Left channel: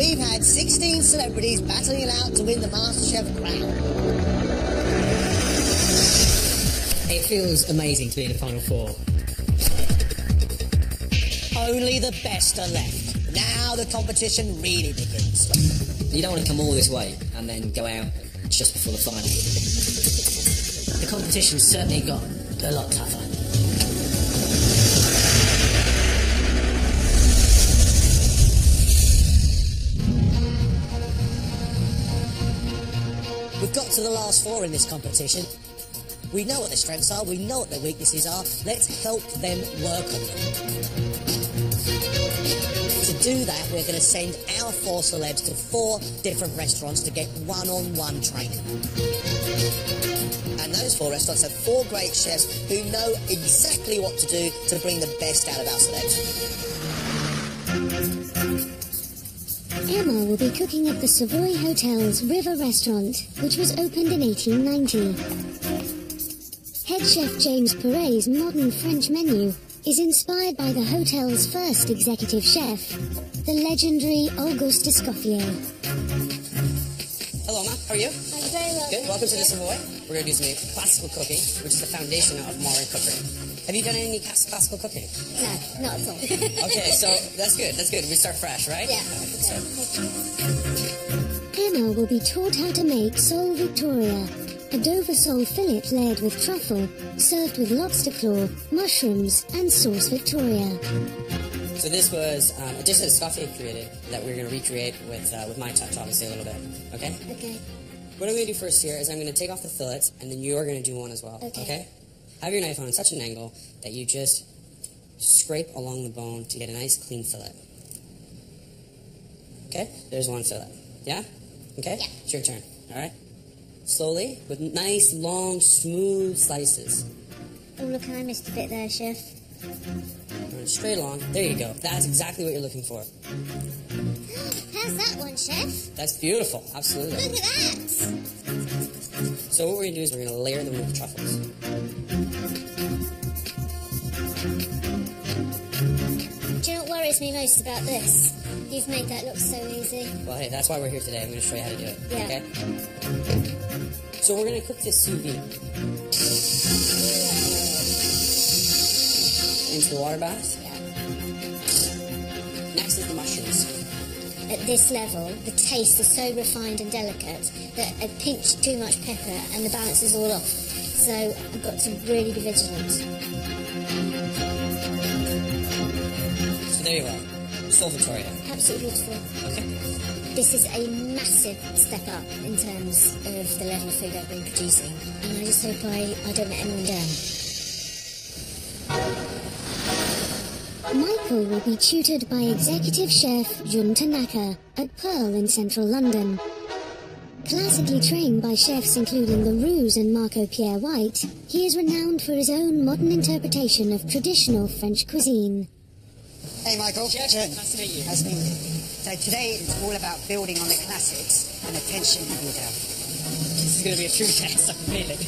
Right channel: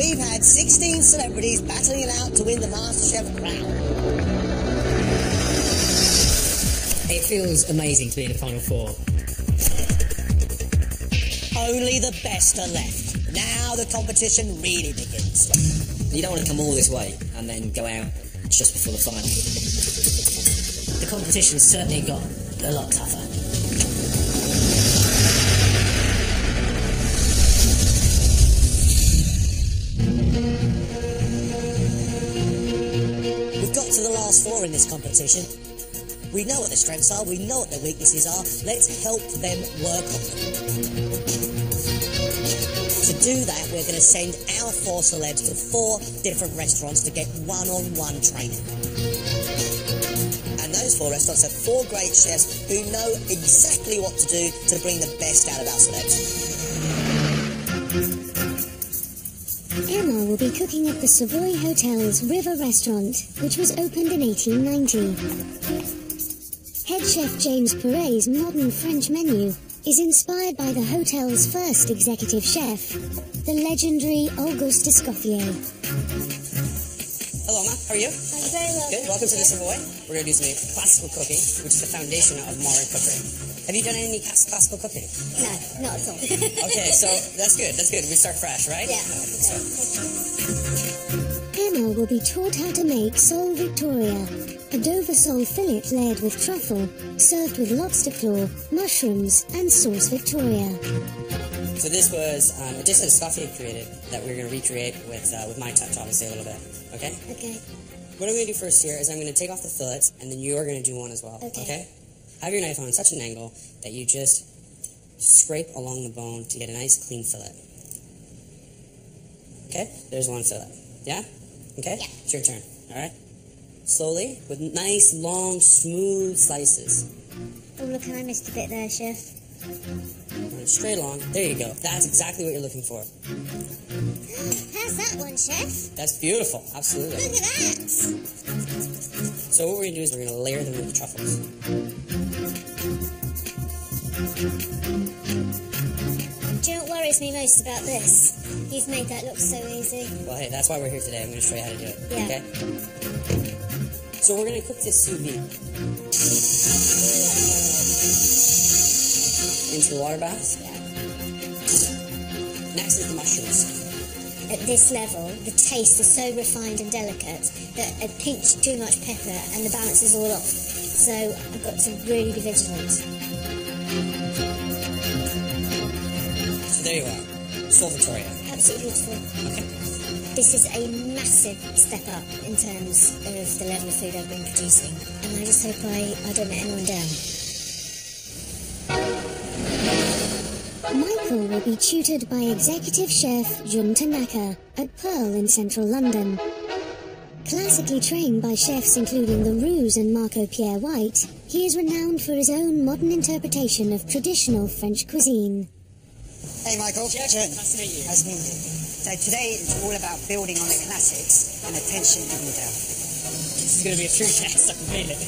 we've had 16 celebrities battling it out to win the MasterChef crown. It feels amazing to be in the final four. Only the best are left. Now the competition really begins. You don't want to come all this way and then go out just before the final. The competition certainly got a lot tougher. We've got to the last four in this competition. We know what their strengths are, we know what their weaknesses are. Let's help them work on them. To do that, we're going to send our four celebs to 4 different restaurants to get one-on-one training. And those 4 restaurants have 4 great chefs who know exactly what to do to bring the best out of our celebs. Emma will be cooking at the Savoy Hotel's River Restaurant, which was opened in 1890. Head chef James Perret's modern French menu is inspired by the hotel's first executive chef, the legendary Auguste Escoffier. Hello, Ma. How are you? I'm very well. Good. Welcome to the Savoy. We're going to do some classical cooking, which is the foundation of modern cookery. Have you done any classical cooking? No, not at all. Okay, so that's good. That's good. We start fresh, right? Yeah. So. Emma will be taught how to make sole Victoria, a Dover sole fillet layered with truffle, served with lobster claw, mushrooms, and sauce Victoria. So this was a dish that Escoffier created that we're going to recreate with my touch, obviously, a little bit. Okay? Okay. What I'm going to do first here is I'm going to take off the fillets, and then you're going to do one as well. Okay? Have your knife on such an angle that you just scrape along the bone to get a nice clean fillet. Okay? There's one fillet. Yeah? Okay? Yeah. It's your turn. All right? Slowly, with nice, long, smooth slices. Oh, look, I missed a bit there, Chef. Run straight along. There you go. That's exactly what you're looking for. How's that one, Chef? That's beautiful. Absolutely. Look at that! So what we're going to do is we're going to layer them with the truffles. Do you know what worries me most about this? You've made that look so easy. Well, hey, that's why we're here today. I'm going to show you how to do it. Yeah. Okay? So we're going to cook this sous vide into the water bath. Yeah. Next is the mushrooms. At this level, the taste is so refined and delicate that a pinch too much pepper and the balance is all off. So I've got to really be vigilant. So there you are. Sole Victoria. Absolutely beautiful. Okay. This is a massive step up in terms of the level of food I've been producing. And I just hope I don't let anyone down. Michael will be tutored by executive chef Jun Tanaka at Pearl in central London. Classically trained by chefs including the Roux and Marco Pierre White, he is renowned for his own modern interpretation of traditional French cuisine. Hey Michael. Jack, nice to meet you. Nice to meet you. So today it's all about building on the classics and attention to detail. This is going to be a true test, I can feel it.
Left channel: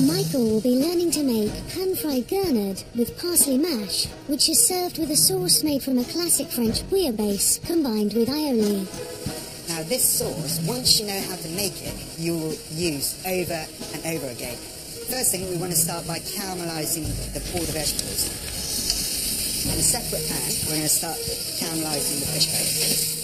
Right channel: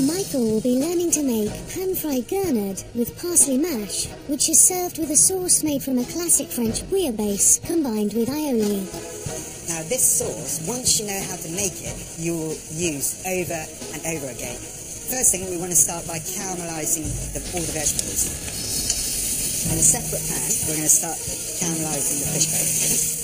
Michael will be learning to make pan-fried gurnard with parsley mash, which is served with a sauce made from a classic French bouillabaisse combined with aioli. Now this sauce, once you know how to make it, you will use over and over again. First thing, we want to start by caramelising all the vegetables. In a separate pan, we're going to start caramelising the fish bones.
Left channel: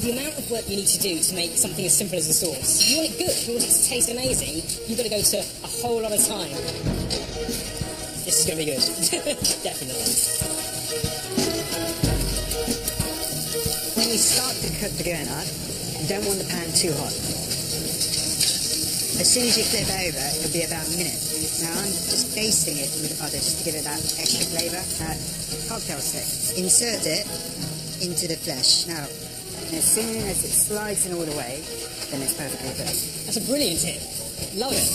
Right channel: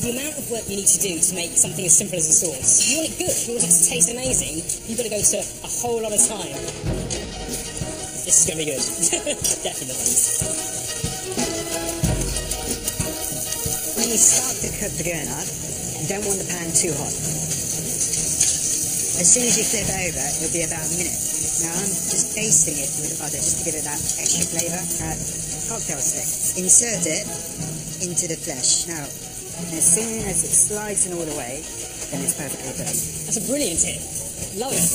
The amount of work you need to do to make something as simple as a sauce, you want it good, you want it to taste amazing, you've got to go to a whole lot of time. This is going to be good. Definitely. When you start to cook the gurnard, you don't want the pan too hot. As soon as you flip over, it'll be about a minute. Now I'm just basting it with the butter just to give it that extra flavour. Cocktail stick. Insert it into the flesh. Now, as soon as it slides in all the way, then it's perfectly cooked. That's a brilliant tip. Love it.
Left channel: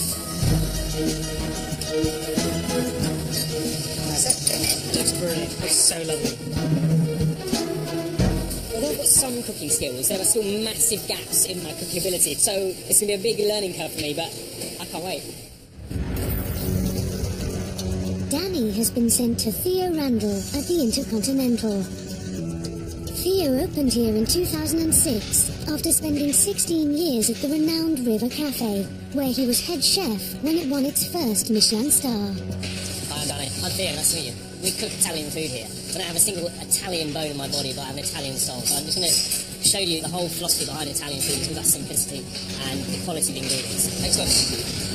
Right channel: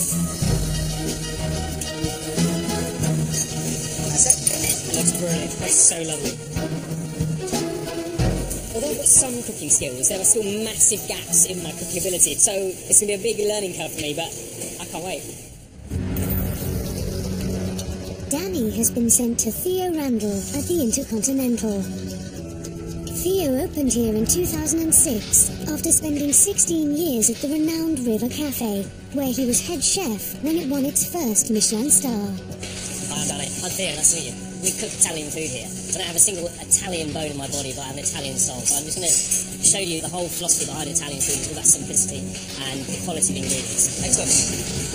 That's it. It looks brilliant. Looks so lovely. Although I've got some cooking skills, there are still massive gaps in my cooking ability, so it's going to be a big learning curve for me, but I can't wait. Danny has been sent to Theo Randall at the Intercontinental. Theo opened here in 2006 after spending 16 years at the renowned River Cafe, where he was head chef when it won its first Michelin star. Hi, I'm Danny. I'm Theo, nice to meet you. We cook Italian food here. I don't have a single Italian bone in my body, but I have an Italian soul. So I'm just going to show you the whole philosophy behind Italian food. It's all about simplicity and the quality of the ingredients. Excellent.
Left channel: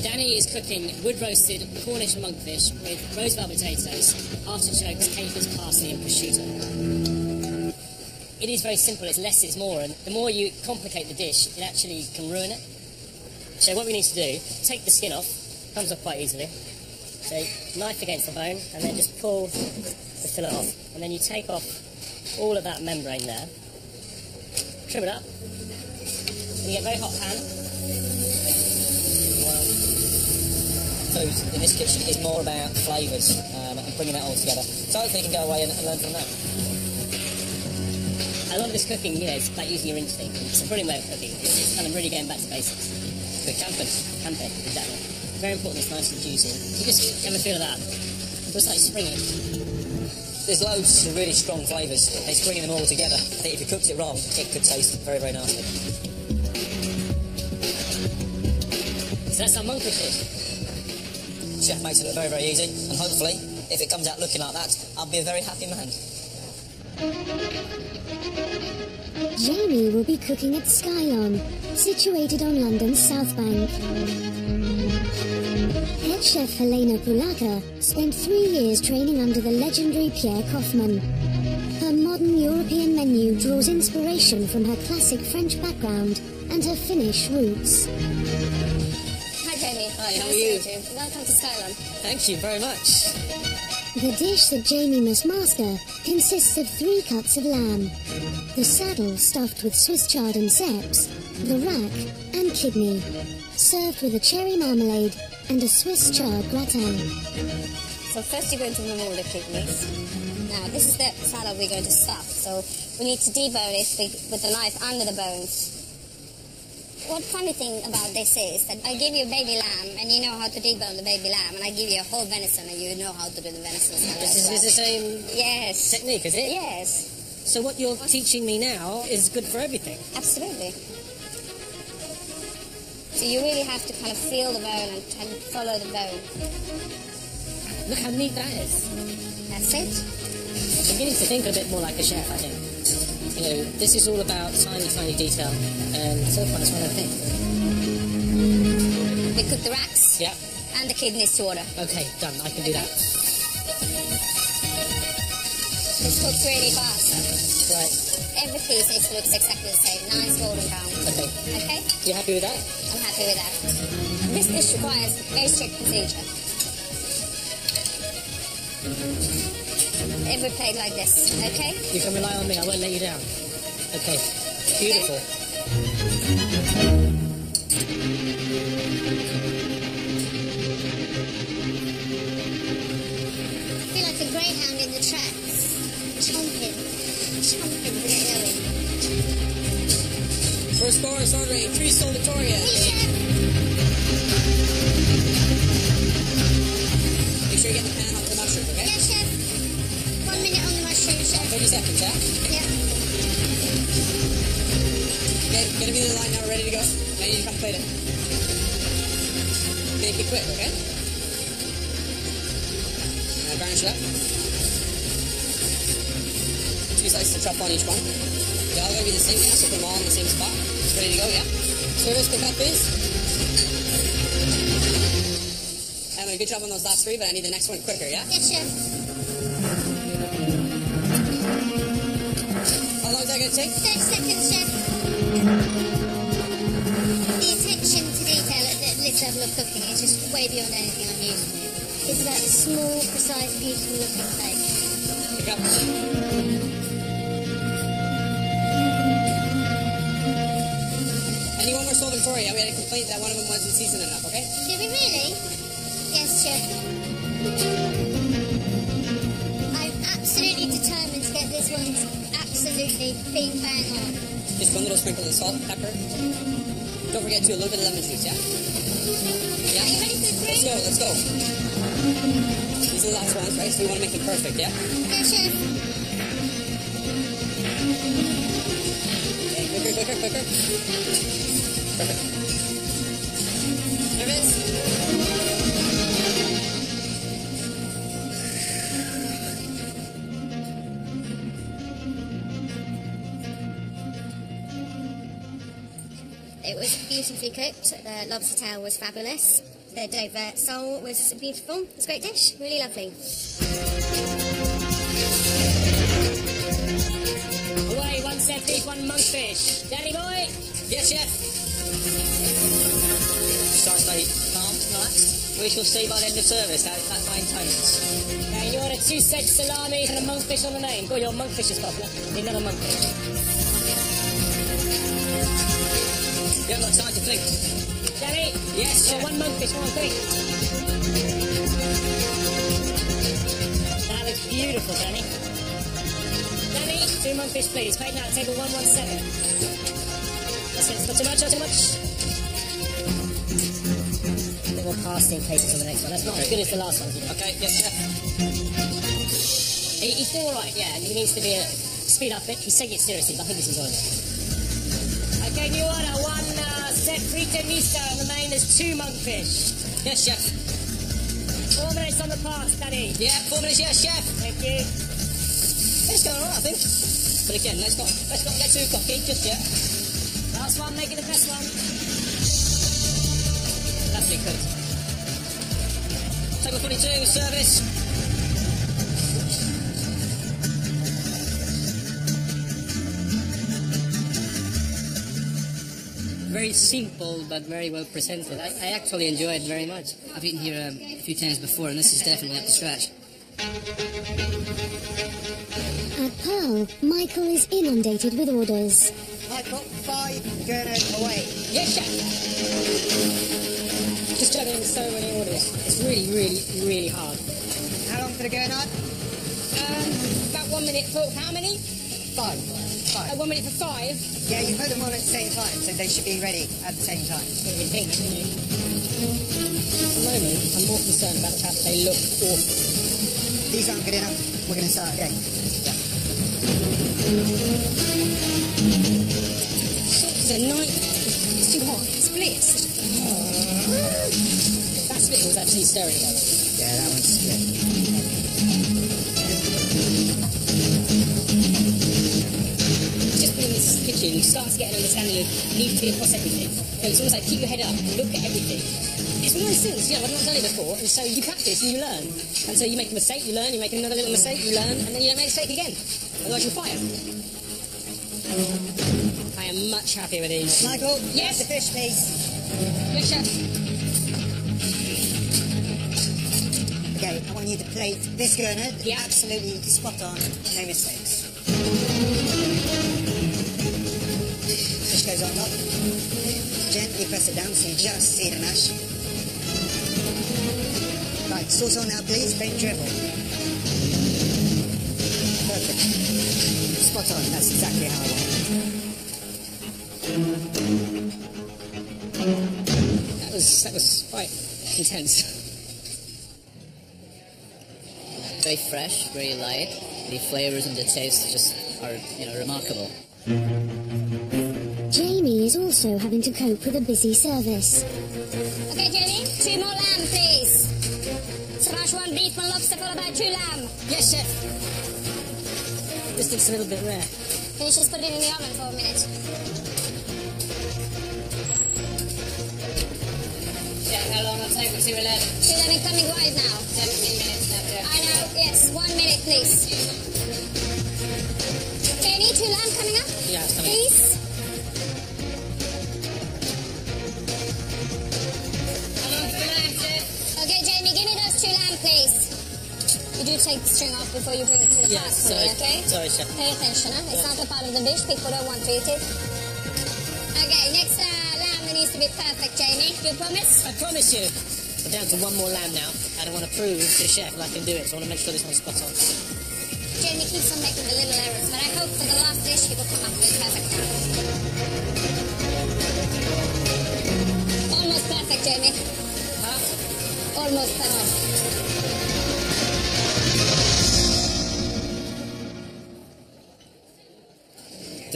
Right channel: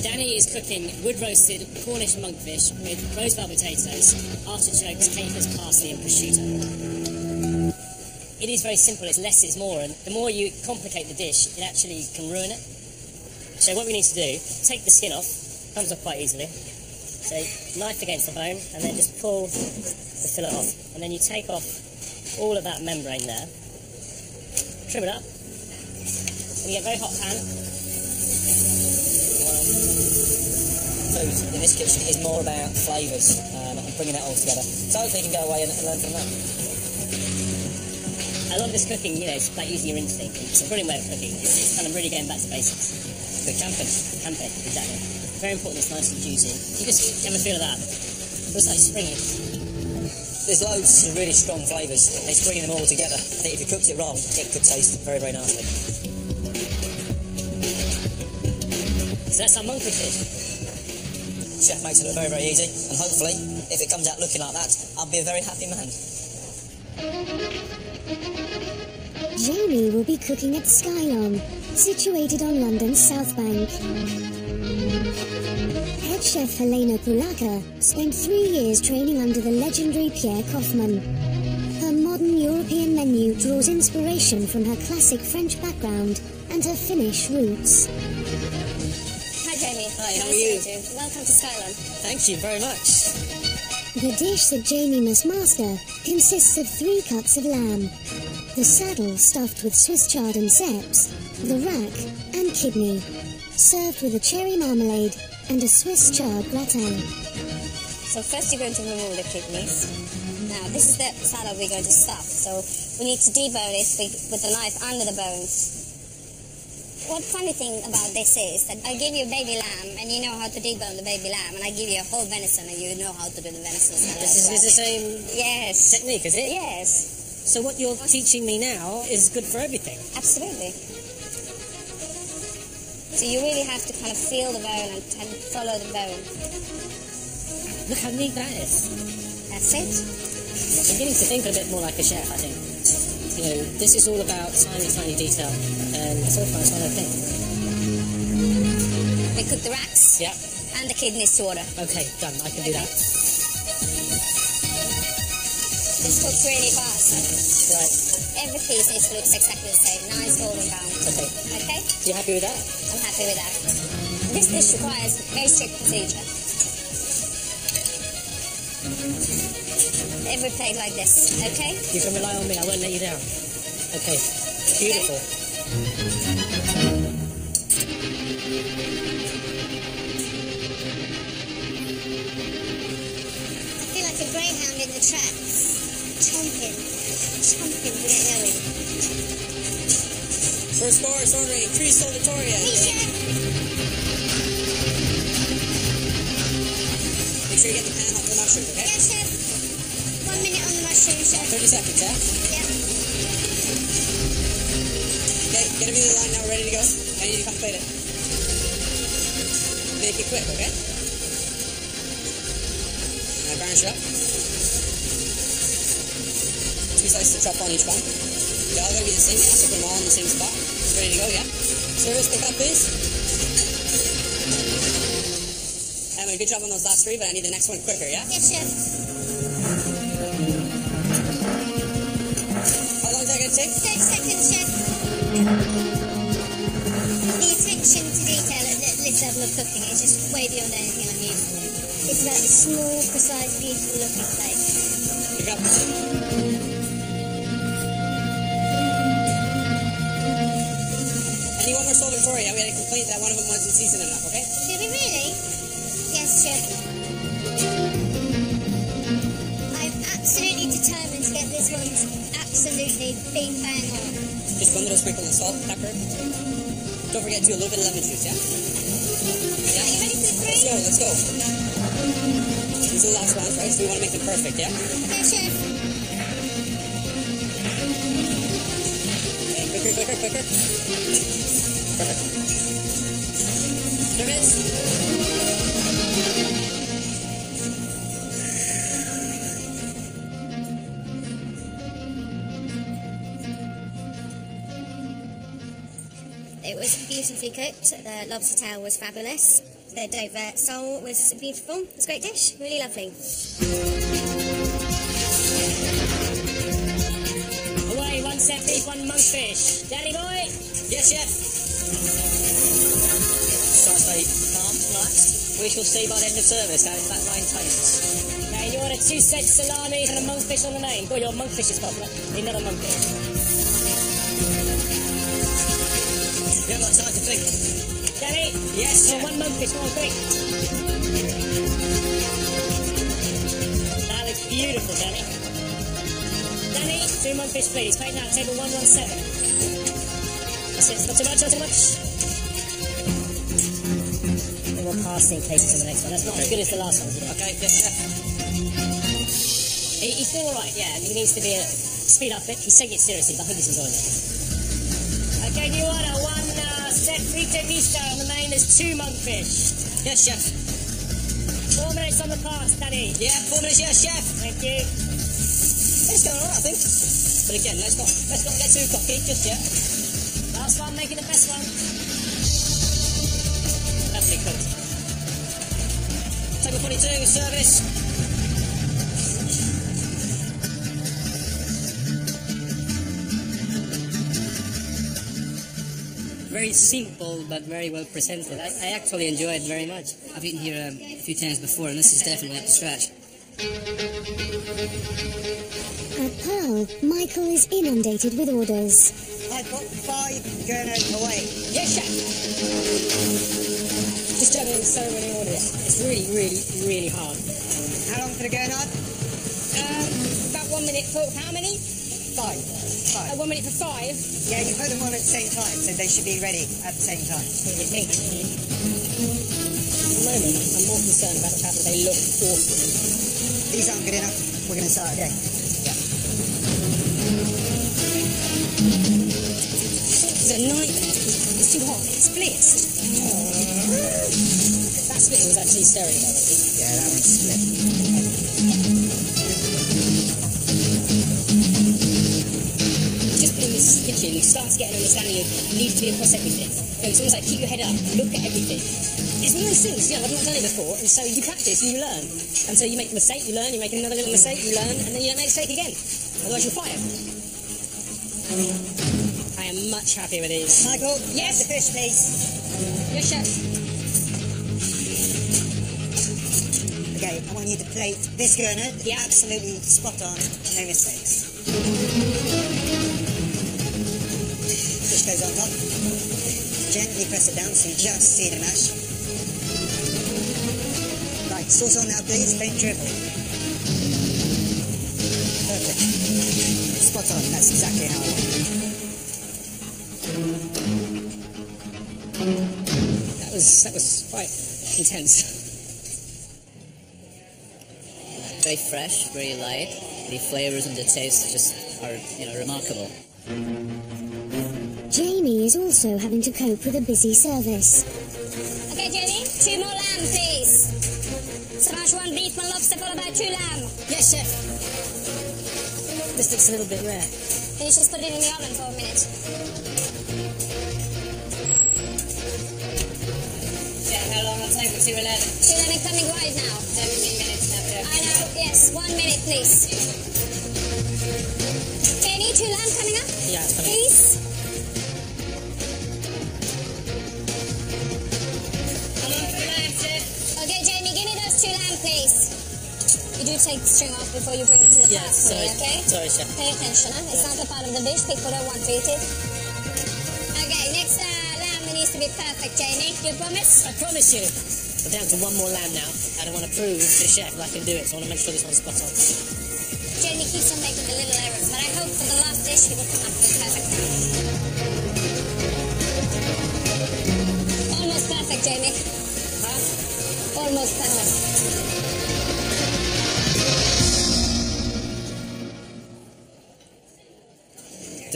Danny is cooking wood-roasted Cornish monkfish with rose-bell potatoes, artichokes, capers, parsley and prosciutto. It is very simple, it's less is more, and the more you complicate the dish, it actually can ruin it. So what we need to do, take the skin off, comes off quite easily. So knife against the bone, and then just pull the fillet off. And then you take off all of that membrane there, trim it up, and you get a very hot pan. Food in this kitchen is more about flavours and bringing that all together. So hopefully you can go away and learn from that. A lot of this cooking, you know, it's like using your instinct. It's a brilliant way of cooking. It's kind of really going back to basics. The camping, exactly. Very important, it's nice and juicy. You just have a feel of that. It was like springy. There's loads of really strong flavours. It's bringing them all together. I think if you cooked it wrong, it could taste very, very nasty. So that's our monkfish dish. Chef makes it look very, very easy, and hopefully, if it comes out looking like that, I'll be a very happy man. Jamie will be cooking at Skylon, situated on London's South Bank. Head chef Helena Pulaka spent 3 years training under the legendary Pierre Kaufmann. Her modern European menu draws inspiration from her classic French background and her Finnish roots. Hi Jamie. Hi, how nice are you? To meet you? Welcome to Skylon. Thank you very much. The dish that Jamie must master consists of 3 cuts of lamb, the saddle stuffed with Swiss chard and ceps, the rack and kidney, served with a cherry marmalade and a Swiss chard gratin. So first you're going to remove the kidneys. Now this is the saddle we're going to stuff, so we need to debone it with the knife under the bones. What funny thing about this is that I give you a baby lamb and you know how to debone the baby lamb, and I give you a whole venison and you know how to do the venison salad. This is the same Yes. technique, is it? Yes. So what you're teaching me now is good for everything. Absolutely. So you really have to kind of feel the bone and follow the bone. Look how neat that is. That's it. I'm beginning to think a bit more like a chef, I think. You know, this is all about tiny, tiny detail, and so far it's one of the things. We cook the racks. Yeah. And the kidneys to order. Okay, done. I can do that. This cooks really fast. Right. Every piece needs to look exactly the same. Nice golden brown. Okay. Okay? You happy with that? I'm happy with that. This dish requires very strict procedure. Every plate like this, okay? You can rely on me. I won't let you down. Okay. Beautiful. Okay. I feel like a greyhound in the tracks. Chomping to get going. First course ordering 3 Sol Victoria. Please, chef. Make sure you get the pan hot for the mushrooms, okay? Yeah, chef. 1 minute on the mushroom, chef. 30 seconds, yeah? Yeah. Okay, get everything in line now. We're ready to go. Now you need to come plate it. Make it quick, okay? Now garnish it up. 2 slices of truffle on each one. They're all going to be the same, yeah? So put them all in the same spot. It's ready to go, yeah? Service, pick up, please. Emma, good job on those last 3, but I need the next one quicker, yeah? Yes, chef. How long is that going to take? 30 seconds, chef. The attention to detail at this level of cooking is just way beyond anything I'm used to. It's about a small, precise, beautiful looking plate. Pick up. Anyone more Sol Victoria? We had a complaint that one of them wasn't seasoned enough, okay? Did we really? Yes, chef. I'm absolutely determined to get this one absolutely bing bang on. Just one little sprinkle of salt, pepper. Don't forget to do a little bit of lemon juice, yeah? Yeah. Are you ready for the 3? Let's go, let's go. These are the last ones, right? So we want to make them perfect, yeah? Yeah, chef. Quicker, quicker, quicker. Perfect. Service. It was beautifully cooked. The lobster tail was fabulous. The Dover sole was beautiful. It was a great dish. Really lovely. Away, one set beef, one monkfish. Danny boy? Yes, chef. Try to stay calm, relaxed. We shall see by the end of service how that maintains. Okay, you order 2 sets salami and a monkfish on the main. Good, your monkfish is popular. Need another monkfish. You haven't got time to think. Danny? Yes, chef. One monkfish, come on, quick. That looks beautiful, Danny. Danny, 2 monkfish, please. Paid now, table 117. That's it, not too much, not too much. A bit more pasting cases on the next one. That's not as good as the last one, you know. Okay, yes, chef. He's doing alright, yeah. He needs to be speed up a bit. He's taking it seriously, but I think he's enjoying it. Okay, new order. 1 set frito misto on the main. There's 2 monkfish. Yes, chef. 4 minutes on the pass, Danny. Yeah, 4 minutes, yes, chef. Thank you. It's going alright, I think. But again, let's not get too cocky just yet. Last one, make it the best one. Lovely cooked. Table 42, service. Very simple, but very well presented. I actually enjoy it very much. I've eaten here a few times before, and this is definitely up to scratch. At Pearl, Michael is inundated with orders. Michael, 5 gurnard away. Yes, chef. Just juggling so many orders. It's really, really, really hard. How long for the gurnard? About 1 minute for how many? 5. 1 minute for 5. Yeah, you put them on at the same time, so they should be ready at the same time. At the moment, I'm more concerned about the fact that they look awful. These aren't good enough. We're going to start again. Yeah. It's a nightmare. It's too hot. It splits. That split was actually stirring though. Yeah, that one's split. Just in this kitchen, you start to get an understanding of needing to be across everything. You know, it's almost like keep your head up, look at everything. It's one of those things, you know, I've not done it before, and so you practice and you learn. And so you make a mistake, you learn, you make another little mistake, you learn, and then you don't make a mistake again. Otherwise you're fired. I am much happier with these. Michael, yes, the fish, please. Yes, chef. Okay, I want you to plate this gurnard. Yeah. Absolutely spot on, no mistakes. Fish goes on top. Gently press it down so you just see the mash. Right, sauce on now please, don't dribble. Perfect. Spot on, that's exactly how I want it. That was quite intense. Very fresh, very light. The flavors and the taste just are, remarkable. Jamie is also having to cope with a busy service. Okay, Jamie, 2 more lamb, please. Smash 1 beef, 1 lobster, followed by 2 lamb. Yes, chef. This looks a little bit rare. Can you just put it in the oven for a minute? Yeah, how long on table 211? 211 coming wide now. 17 minutes now, Jeff. I know, yes. 1 minute, please. Jamie, 2 lamb coming up? Yeah, it's coming. Please. How long for the lamb, Chef? Okay, Jamie, give me those 2 lamb, please. You do take the string off before you bring it to the pot for me, okay? Sorry, chef. Pay attention, huh? It's not a part of the dish. People don't want to eat it. Okay, next lamb needs to be perfect, Jamie. You promise? I promise you. We're down to 1 more lamb now. I don't want to prove to the chef that I can do it, so I want to make sure this one's spot on. Jamie keeps on making the little errors, but I hope for the last dish he will come up with perfect now. Almost perfect, Jamie. Huh? Almost perfect.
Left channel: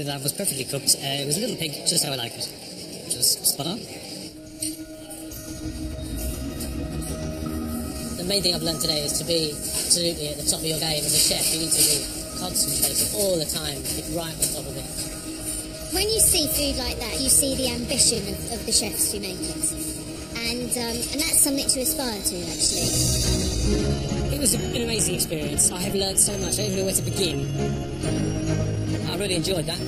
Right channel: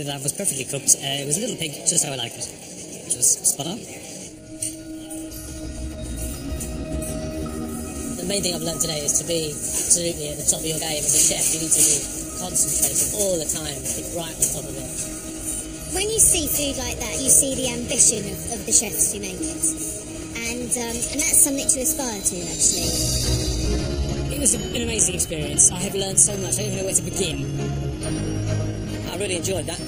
that I was perfectly cooked. It was a little pig, just how I like it. Which was spot on. The main thing I've learned today is to be absolutely at the top of your game as a chef. You need to be concentrated all the time, keep right on top of it. When you see food like that, you see the ambition of the chefs who make it. And that's something to aspire to, actually. It was an amazing experience. I have learned so much. I don't even know where to begin. I really enjoyed that.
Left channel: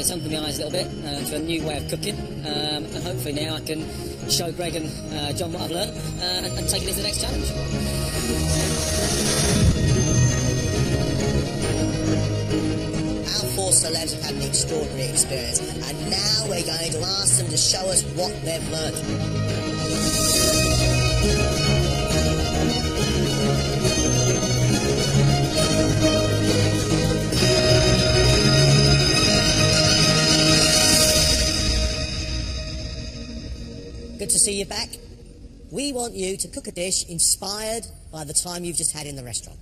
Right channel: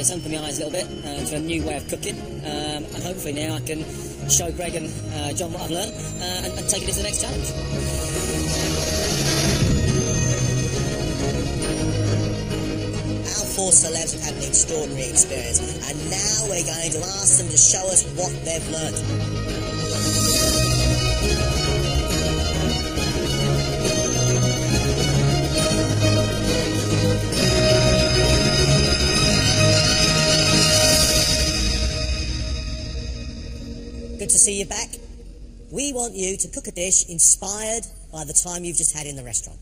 It's opened my eyes a little bit to a new way of cooking, and hopefully now I can show Greg and John what I've learned and take it into the next challenge. Our 4 celebs have had an extraordinary experience, and now we're going to ask them to show us what they've learnt. Good to see you back. We want you to cook a dish inspired by the time you've just had in the restaurant.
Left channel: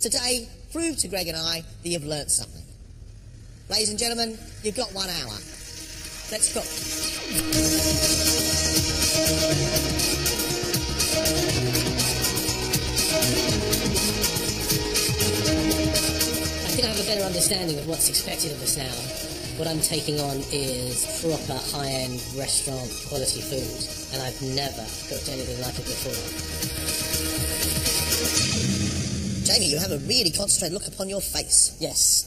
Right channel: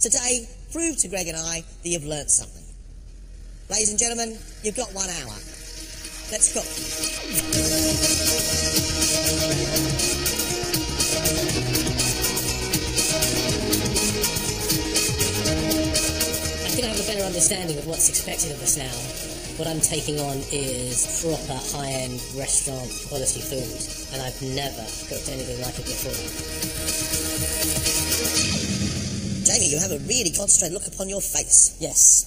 Today, prove to Greg and I that you've learnt something. Ladies and gentlemen, you've got 1 hour. Let's cook. I think I have a better understanding of what's expected of us now. What I'm taking on is proper high-end restaurant quality food, and I've never cooked anything like it before. Jamie, you have a really concentrated look upon your face. Yes,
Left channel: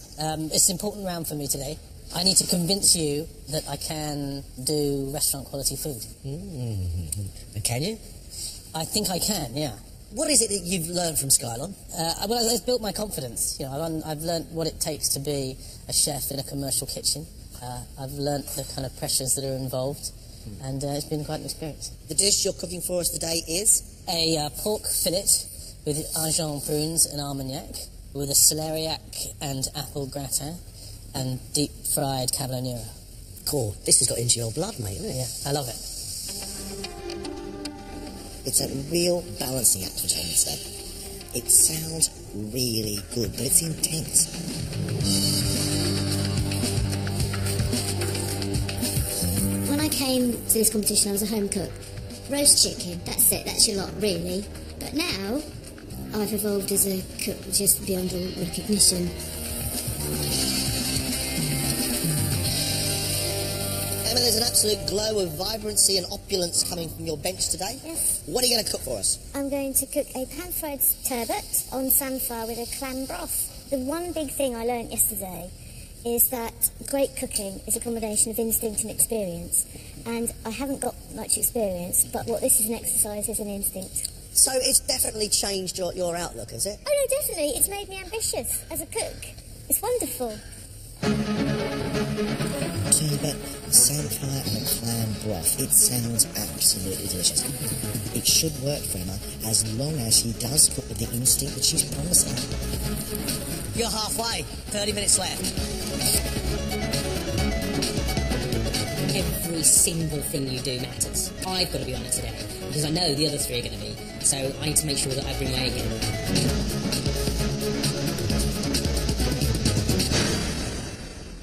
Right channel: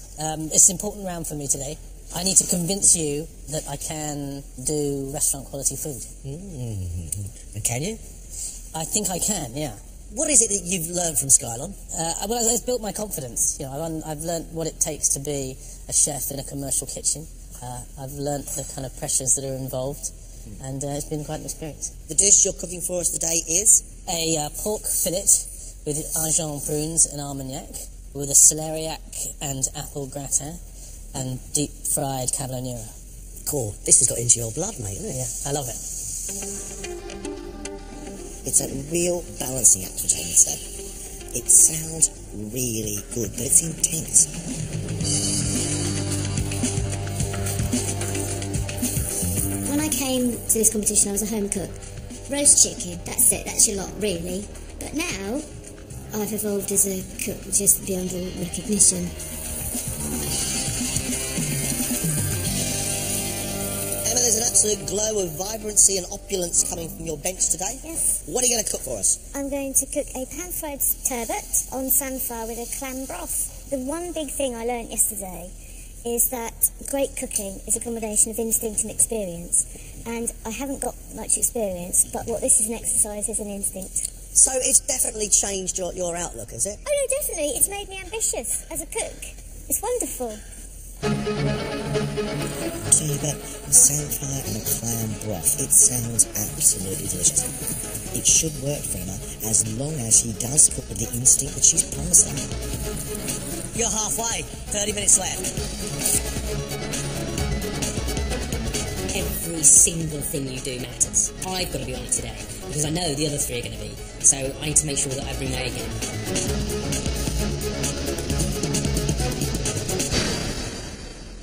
it's an important round for me today. I need to convince you that I can do restaurant quality food. And can you? I think I can, yeah. What is it that you've learned from Skylon? Well, it's built my confidence. You know, I've learnt what it takes to be a chef in a commercial kitchen. I've learnt the kind of pressures that are involved, and it's been quite an experience. The dish you're cooking for us today is? A pork fillet with Argent prunes and Armagnac, with a celeriac and apple gratin, and deep-fried carbonara. Cool. This has got into your blood, mate, isn't it? Yeah, I love it. It's a real balancing act for Jamie today. It sounds really good, but it's intense. When I came to this competition, I was a home cook. Roast chicken, that's it, that's your lot, really. But now, I've evolved as a cook just beyond all recognition. Emma, there's an absolute glow of vibrancy and opulence coming from your bench today. Yes. What are you going to cook for us? I'm going to cook a pan-fried turbot on sunflower with a clam broth. The one big thing I learnt yesterday is that great cooking is a combination of instinct and experience. And I haven't got much experience, but what this is an exercise is an instinct. So it's definitely changed your outlook, has it? Oh no, definitely. It's made me ambitious as a cook. It's wonderful. Turbot, sunflower and a clam broth. It sounds absolutely delicious. It should work for Emma as long as she does cook with the instinct that she's promising. You're halfway. 30 minutes left. Every single thing you do matters. I've got to be on it today, because I know the other 3 are going to be, so I need to make sure that I bring my A game.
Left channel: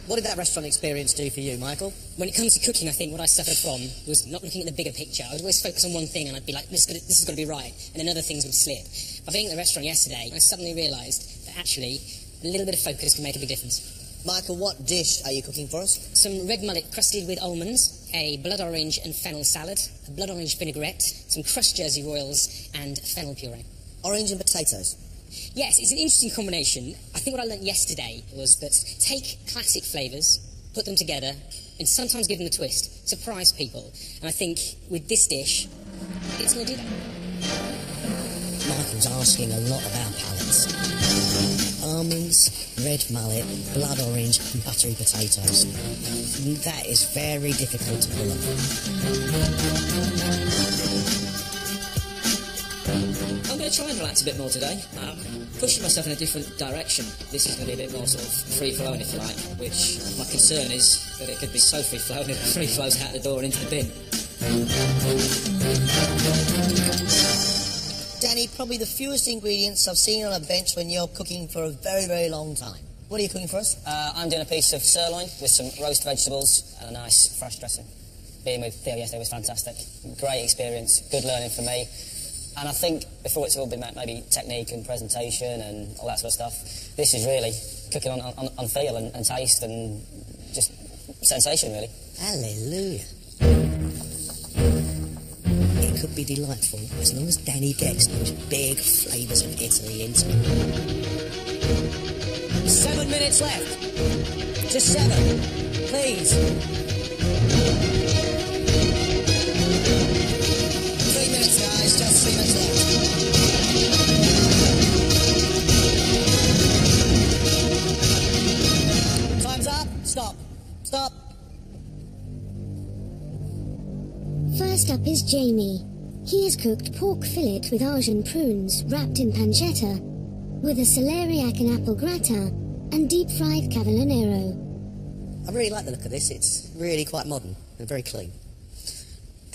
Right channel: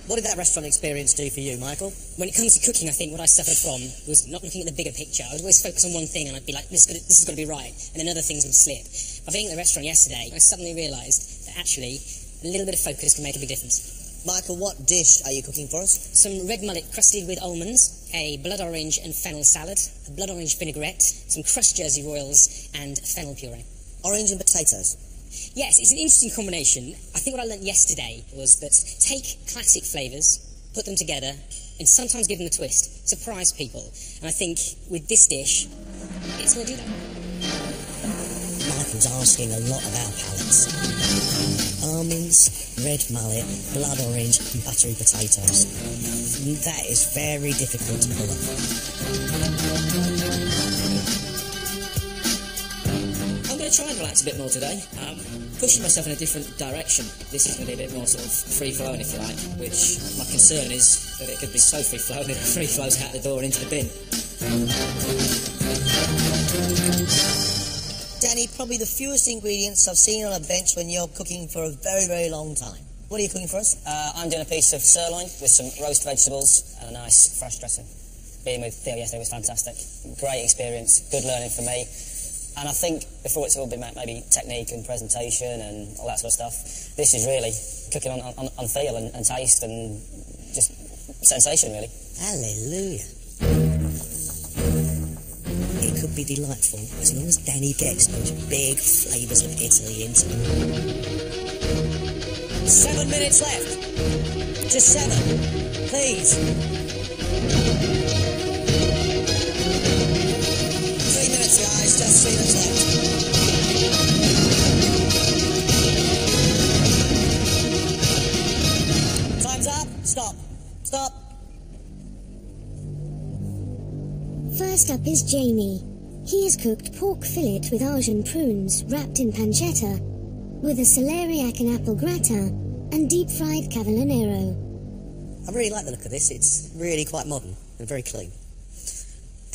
What did that restaurant experience do for you, Michael? When it comes to cooking, I think what I suffered from was not looking at the bigger picture. I would always focus on one thing and I'd be like, this has got to be right, and then other things would slip. By being at the restaurant yesterday, I suddenly realised that actually a little bit of focus can make a big difference. Michael, what dish are you cooking for us? Some red mullet crusted with almonds, a blood orange and fennel salad, a blood orange vinaigrette, some crushed Jersey Royals, and fennel puree. Orange and potatoes. Yes, it's an interesting combination. I think what I learnt yesterday was that take classic flavours, put them together, and sometimes give them a twist. Surprise people. And I think with this dish, it's going to do that. Michael's asking a lot of our palates. Almonds, red mullet, blood orange and buttery potatoes. That is very difficult to pull off. I'm going to try and relax a bit more today. Pushing myself in a different direction. This is going to be a bit more sort of free-flowing, if you like, which my concern is that it could be so free-flowing that it free-flows out the door and into the bin. Danny, probably the fewest ingredients I've seen on a bench when you're cooking for a very, very long time. What are you cooking for us? I'm doing a piece of sirloin with some roast vegetables and a nice fresh dressing. Being with Theo yesterday was fantastic. Great experience, good learning for me. And I think before it's all been maybe technique and presentation and all that sort of stuff, this is really cooking on feel and taste and just sensation, really. Hallelujah. It could be delightful as long as Danny gets those big flavours of Italy into it. 7 minutes left. Just 7. Please. 3 minutes, guys. Just 3 minutes left. Time's up. Stop. Stop. First up is Jamie. He has cooked pork fillet with Argent prunes wrapped in pancetta, with a celeriac and apple gratin, and deep-fried cavallonero. I really like the look of this. It's really quite modern and very clean.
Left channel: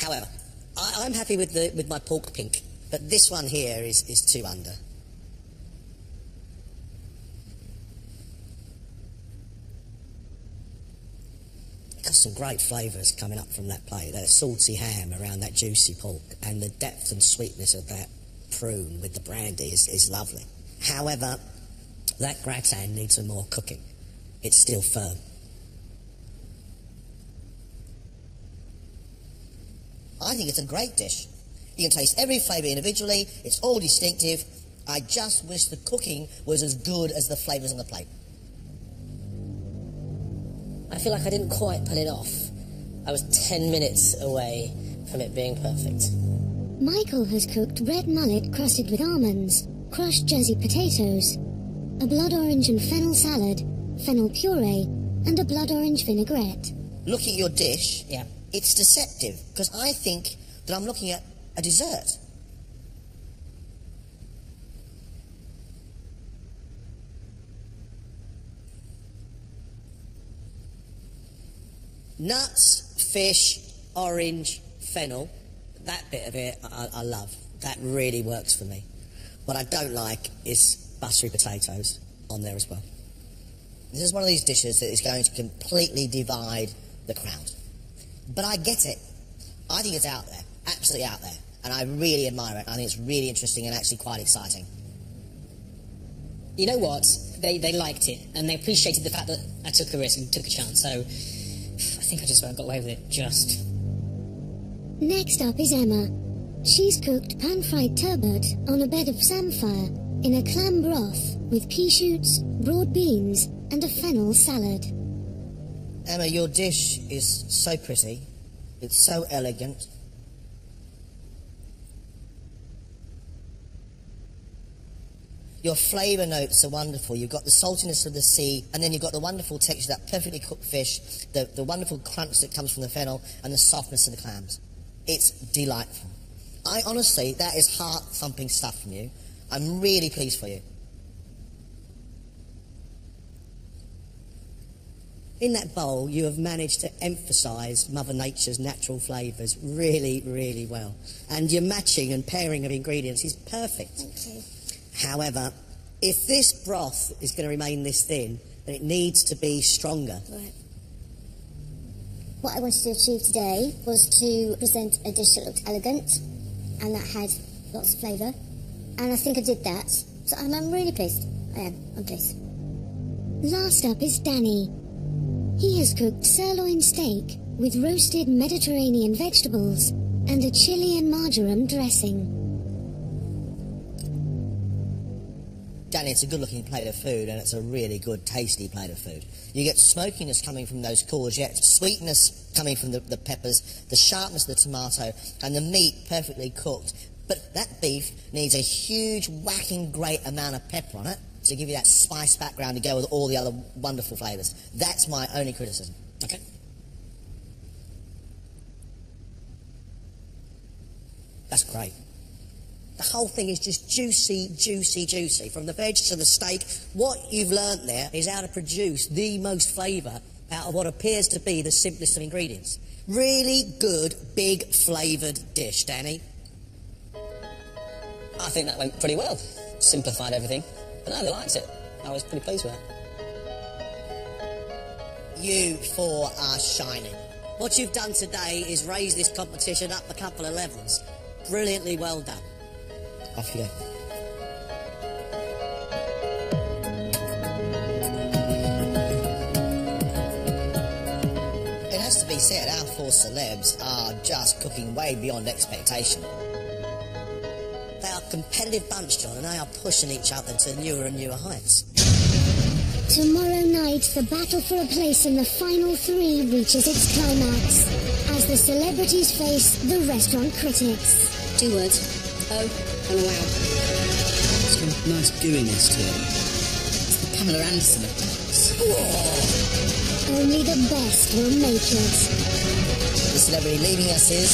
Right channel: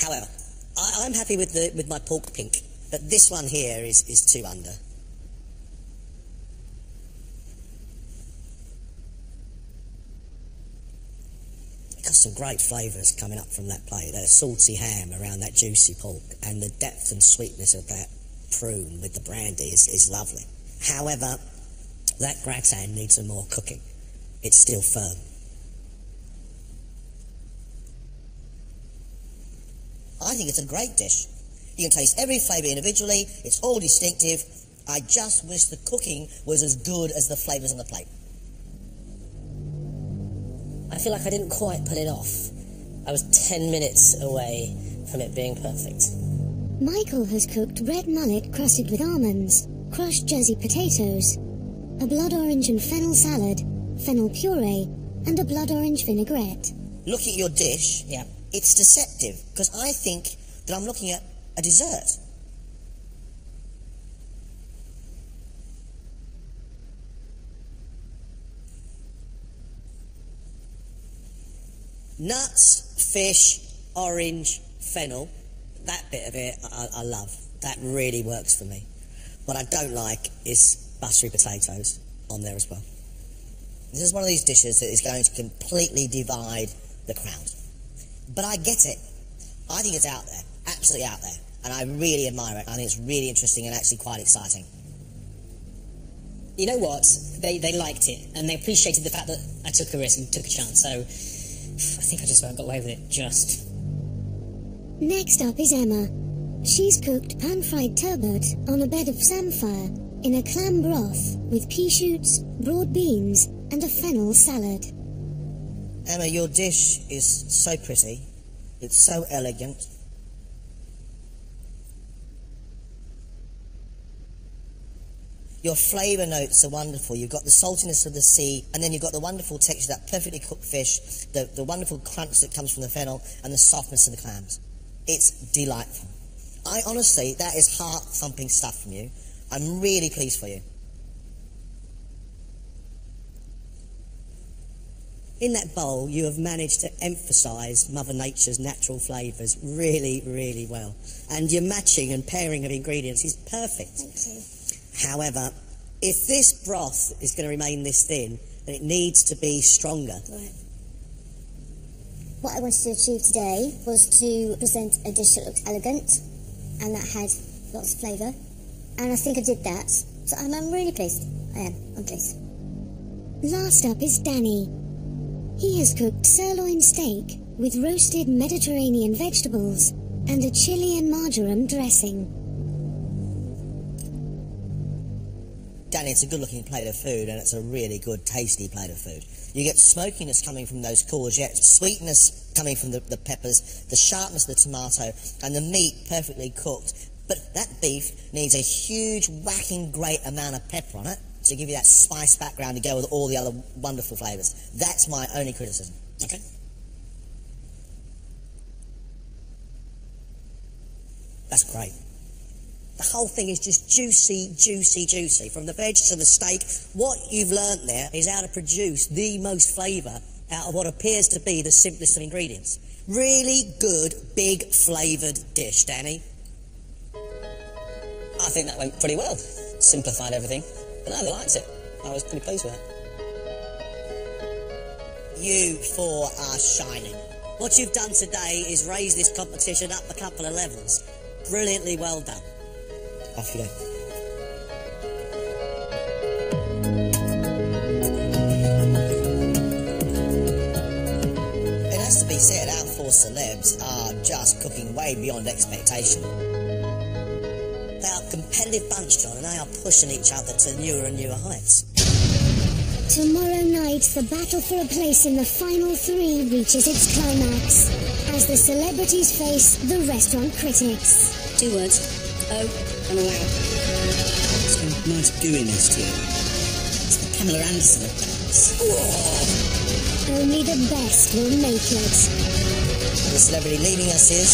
However, I'm happy with my pork pink, but this one here is 2 under. Got some great flavours coming up from that plate. That salty ham around that juicy pork, and the depth and sweetness of that prune with the brandy is lovely. However, that gratin needs some more cooking. It's still firm. I think it's a great dish. You can taste every flavour individually. It's all distinctive. I just wish the cooking was as good as the flavours on the plate. I feel like I didn't quite pull it off. I was 10 minutes away from it being perfect. Michael has cooked red mullet crusted with almonds, crushed Jersey potatoes, a blood orange and fennel salad, fennel puree, and a blood orange vinaigrette. Looking at your dish, Yeah. it's deceptive, because I think that I'm looking at a dessert. Nuts, fish, orange, fennel, that bit of it I love. That really works for me. What I don't like is buttery potatoes on there as well. This is one of these dishes that is going to completely divide the crowd. But I get it. I think it's out there, absolutely out there. And I really admire it. I think it's really interesting and actually quite exciting. You know what? They liked it, and they appreciated the fact that I took a risk and took a chance, so I think I just about got away with it, just. Next up is Emma. She's cooked pan-fried turbot on a bed of samphire in a clam broth with pea shoots, broad beans, and a fennel salad. Emma, your dish is so pretty. It's so elegant. Your flavour notes are wonderful. You've got the saltiness of the sea, and then you've got the wonderful texture of that perfectly cooked fish, the wonderful crunch that comes from the fennel, and the softness of the clams. It's delightful. Honestly, that is heart-thumping stuff from you. I'm really pleased for you. In that bowl, you have managed to emphasise Mother Nature's natural flavours really, really well. And your matching and pairing of ingredients is perfect. Thank you. However, if this broth is going to remain this thin, then it needs to be stronger. Right. What I wanted to achieve today was to present a dish that looked elegant and that had lots of flavour. And I think I did that. So I'm really pleased. I'm pleased. Last up is Danny. He has cooked sirloin steak with roasted Mediterranean vegetables and a chili and marjoram dressing. Danny, it's a good-looking plate of food, and it's a really good, tasty plate of food. You get smokiness coming from those courgettes, sweetness coming from the peppers, the sharpness of the tomato, and the meat perfectly cooked. But that beef needs a huge, whacking, great amount of pepper on it to give you that spice background to go with all the other wonderful flavours. That's my only criticism. Okay. That's great. The whole thing is just juicy, juicy, juicy. From the veg to the steak, what you've learnt there is how to produce the most flavour out of what appears to be the simplest of ingredients. Really good, big, flavoured dish, Danny. I think that went pretty well. Simplified everything. But no, they liked it. I was pretty pleased with that. You four are shining. What you've done today is raise this competition up a couple of levels. Brilliantly well done. Off you go. It has to be said, our four celebs are just cooking way beyond expectation. They are a competitive bunch, John, and they are pushing each other to newer and newer heights. Tomorrow night, the battle for a place in the final three reaches its climax, as the celebrities face the restaurant critics. 2 words. Oh and wow. It's got a nice gooiness to it. It's the Pamela Anderson of ducks. Only the best will make it. The celebrity leading us is